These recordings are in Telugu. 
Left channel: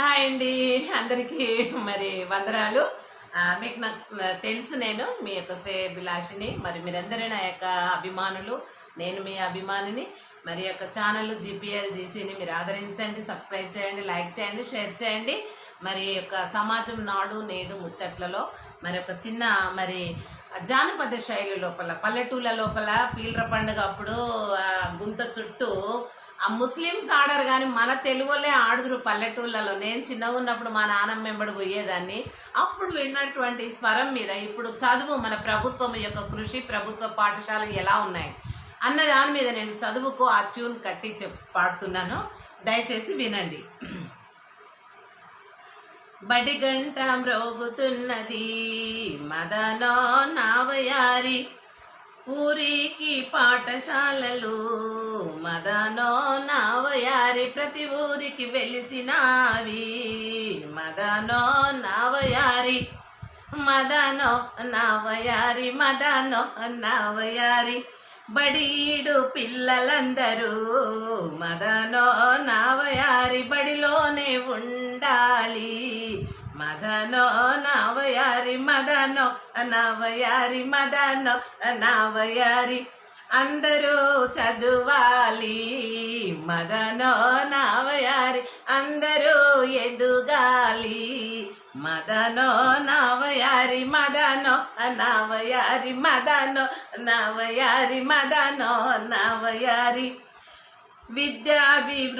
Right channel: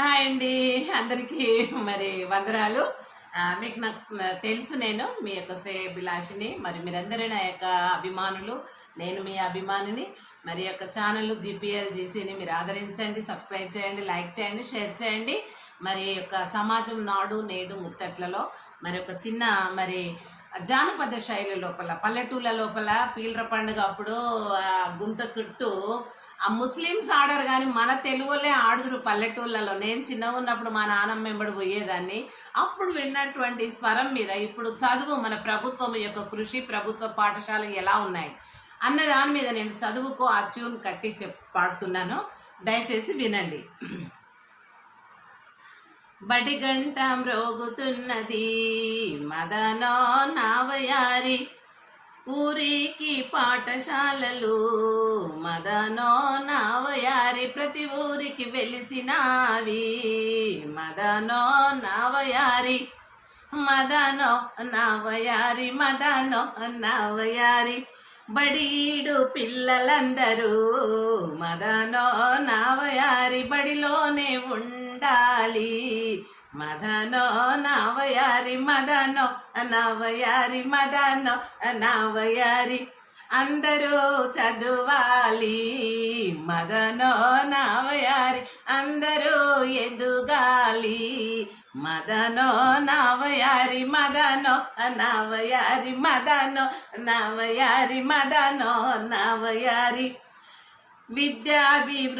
హాయ్ అండి, అందరికీ మరి వందనాలు. మీకు నాకు తెలుసు, నేను మీ యొక్క శ్రేయభిలాషిని. మరి మీరందరూ నా యొక్క అభిమానులు, నేను మీ అభిమానిని. మరి యొక్క ఛానల్ జీపీఎల్ జీసీని మీరు ఆదరించండి, సబ్స్క్రైబ్ చేయండి, లైక్ చేయండి, షేర్ చేయండి. మరి యొక్క సమాజం నాడు నేడు ముచ్చట్లలో మరి ఒక చిన్న మరి జానపద శైలి లోపల పల్లెటూళ్ళ లోపల పీలర పండుగ అప్పుడు గుంత చుట్టూ ఆ ముస్లిమ్స్ ఆడరు కానీ మన తెలుగులే ఆడుదురు పల్లెటూళ్ళలో. నేను చిన్నగా ఉన్నప్పుడు మా నాన్నమ్మ వెంబడి పోయేదాన్ని. అప్పుడు విన్నటువంటి స్వరం మీద ఇప్పుడు చదువు, మన ప్రభుత్వం యొక్క కృషి, ప్రభుత్వ పాఠశాలలు ఎలా ఉన్నాయి అన్న దాని మీద నేను చదువుకు ఆ ట్యూన్ కట్టి పాడుతున్నాను, దయచేసి వినండి. బడి గంట మ్రోగుతున్నది మదనో నావయారి, ఊరికి పాఠశాలలు మదనో నావయారి, ప్రతి ఊరికి వెలిసినావి మదనో నావయారి, మదనో నావయారి, మదనో నావయారి. బడీడు పిల్లలందరూ మదనో నావయారి, బడిలోనే ఉండాలి మదనో నావయారి, మదనో నావయారి, మదనో నావయారి. అందరూ చదువాలి మదనో నావయారి, అందరూ ఎదుగాలి మదనో నావయారి, మదనో నావయారి, మదనో నావయారి, మదనో నావయారి. విద్యాభివృద్ధికి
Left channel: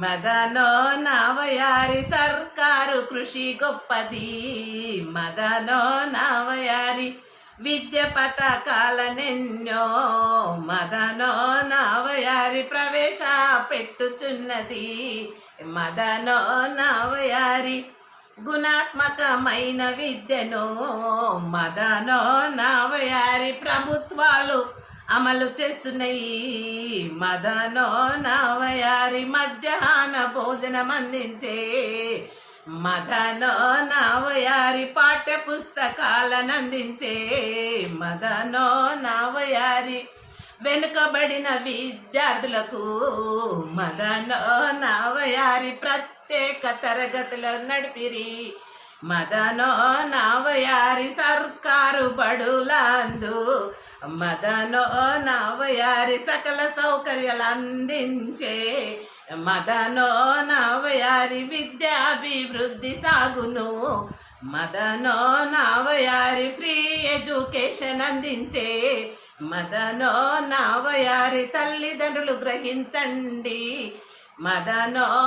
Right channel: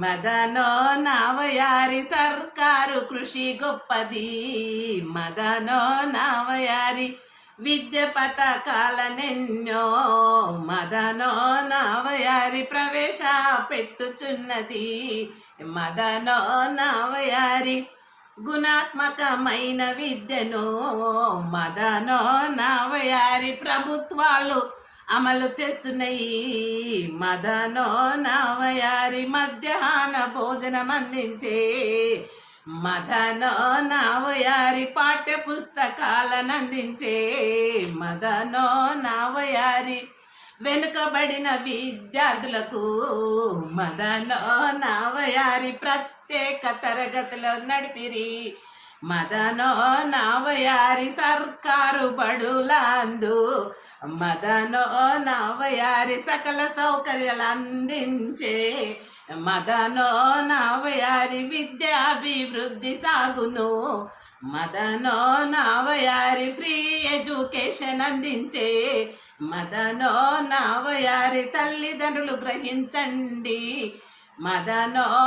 మదనో నావయారి, సర్కారు కృషి గొప్పది మదనో నావయారి. విద్య పథకాలనెన్నో మదనో నావయారి, ప్రవేశ పెట్టుచున్నది మదనో నావయారి. గుణాత్మకమైన విద్యను మదనో నావయారి, ప్రభుత్వాలు అమలు చేస్తున్నాయి మదనో నావయారి. మధ్యాహ్న భోజనం అందించే మదనో నావయారి, పాఠ్య పుస్తకాలను అందించే మదనో నావయారి. వెనుకబడిన విద్యార్థులకు మదనో నావయారి, ప్రత్యేక తరగతులు నడిపిరి మదనో నావయారి. సర్కారు బడులందు మదనో నావయారి, సకల సౌకర్యాలు అందించే మదనో నావయారి. విద్యాభివృద్ధి సాగును మదనో నావయారి, ఫ్రీ ఎడ్యుకేషన్ అందించే మదనో నావయారి. తల్లిదండ్రులు గ్రహించండి మదనో